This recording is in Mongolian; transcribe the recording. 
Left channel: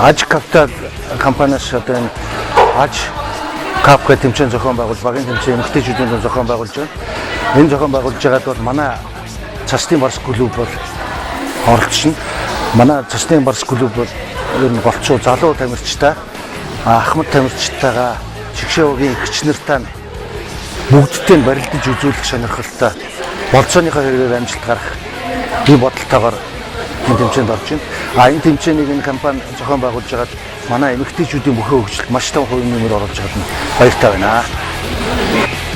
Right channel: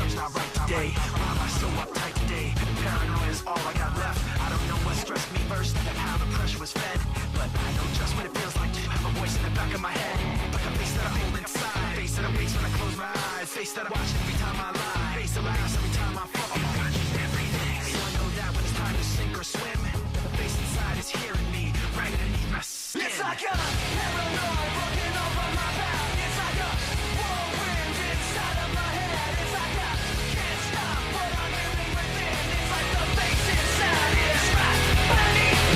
Аж Capital компаниас одоо энэ Аж Cap гэх тэмцээн зохион байгуул багийн тэмцээн эмэгтэйчүүдийн зохион байгуулж байна. Энэ зохион байгуулж байгаад бол манай цасны барс клуб бол оролцсон. Манай цасны барс клуб бол энэ болцоо залуу тамирчтай Ахмад тамирчтайгаа Чигшээгийн гिचнэртэй бүгдтэй барилдаж үзүүлэх сонирхолтой болцооныхаа хэрэгээр амжилт гарах ийм бодолтойгоор энэ тэмцээнд орж байна. Энэ тэмцээнийг энэ компани зохион байгуулж байгаа манай эмэгтэйчүүдийн бүхэн хөгжил маш том хувийн нэмэр оруулж чадна. Баяртай байна.